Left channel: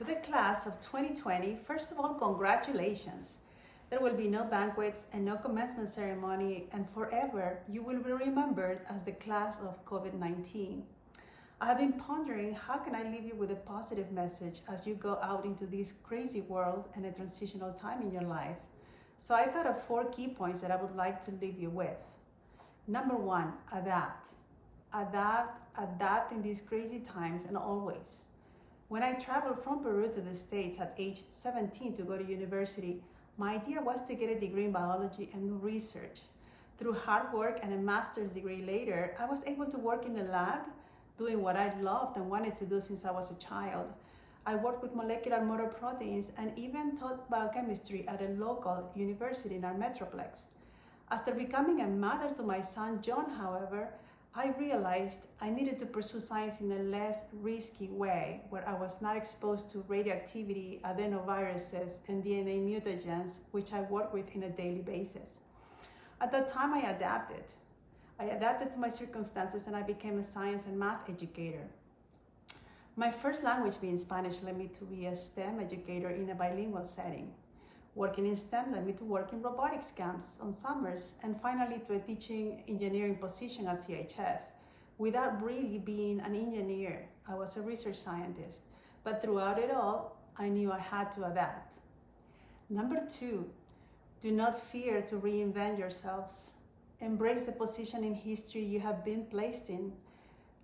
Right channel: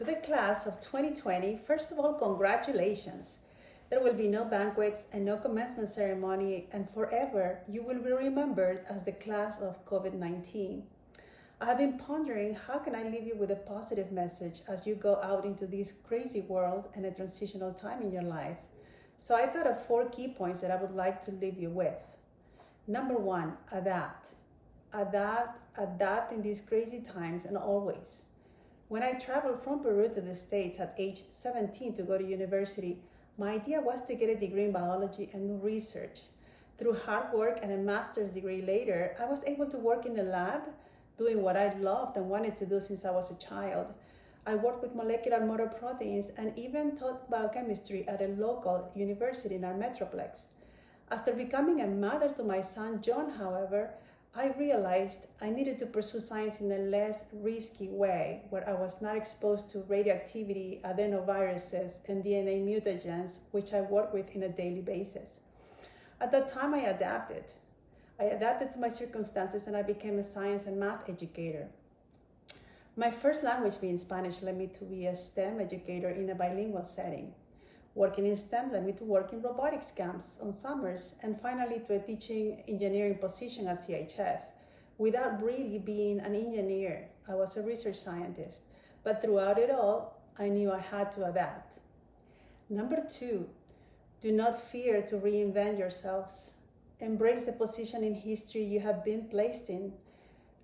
To the class of 2020, first of all, congratulations. There will be no banquets and no commencement ceremony, and forever you will be remembered as the class of COVID-19. I have been pondering how can I leave you with a positive message as you go out into this crazy world and a transitional time in your life. So I thought of 4 key points that I would like to leave you with. Number 1, adapt. Adapt in these crazy times and always. When I traveled from Peru to the States at age 17 to go to university, my idea was to get a degree in biology and do research. Through hard work and a master's degree later, I was able to work in the lab, doing what I loved and wanted to do since I was a child. I worked with molecular motor proteins and even taught biochemistry at a local university in our metroplex. After becoming a mother to my son John, however, I realized I needed to pursue science in a less risky way, where I was not exposed to radioactivity, adenoviruses, and DNA mutagens, which I work with on a daily basis. At that time, I adapted. To my circumstances and I became a science and math educator. My first language being Spanish led me to be a STEM educator in a bilingual setting. Working in STEM led me to work in robotics camps on summers and finally to a teaching engineering position at CHS. Without really being an engineer, I was a research scientist, but throughout it all, I knew I had to adapt. Number 2, do not fear to reinvent yourselves. Embrace the position in history you have been placed in.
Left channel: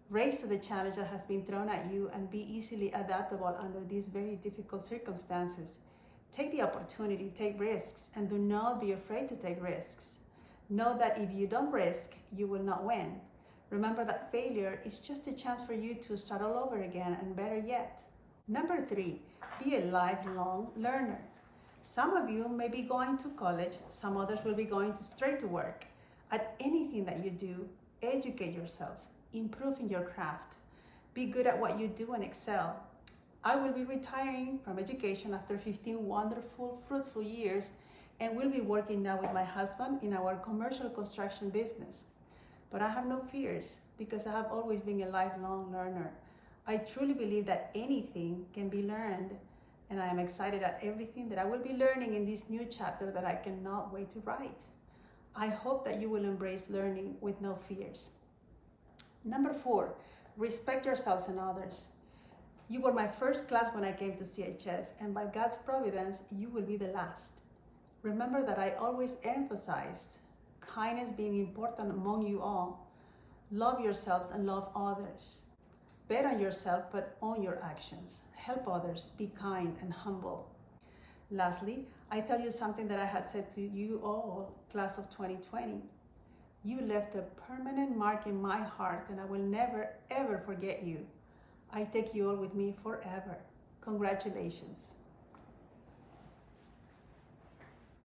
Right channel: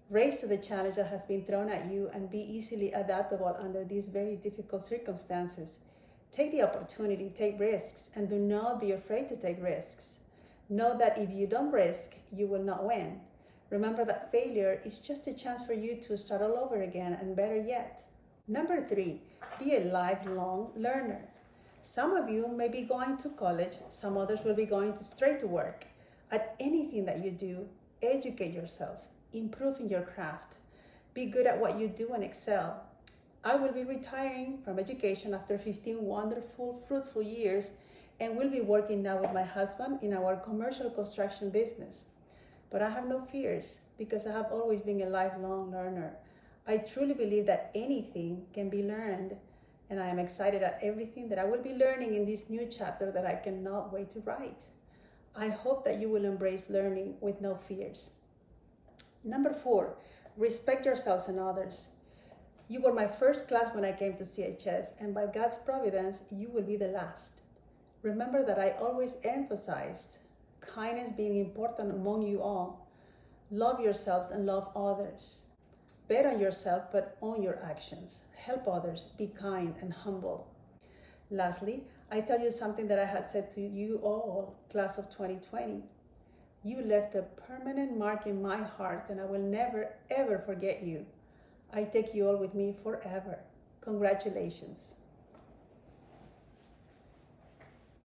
Raise to the challenge that has been thrown at you and be easily adaptable under these very difficult circumstances. Take the opportunity, take risks, and do not be afraid to take risks. Know that if you don't risk, you will not win. Remember that failure is just a chance for you to start all over again, and better yet. Number 3, be a lifelong learner. Some of you may be going to college, some others will be going straight to work. At anything that you do, educate yourselves, improve in your craft, be good at what you do and excel. I will be retiring from education after 15 wonderful, fruitful years and will be working now with my husband in our commercial construction business. But I have no fears because I have always been a lifelong learner. I truly believe that anything can be learned, and I am excited at everything that I will be learning in this new chapter that I cannot wait to write. I hope that you will embrace learning with no fears. Number 4, respect yourselves and others. You were my first class when I came to CHS, and by God's providence, you will be the last. Remember that I always emphasized kindness being important among you all. Love yourselves and love others. Bet on yourself, but own your actions. Help others, be kind and humble. Lastly, I tell you something that I had said to you all, class of 2020. You left a permanent mark in my heart, and I will never, ever forget you. I take you all with me forever. Congratulations.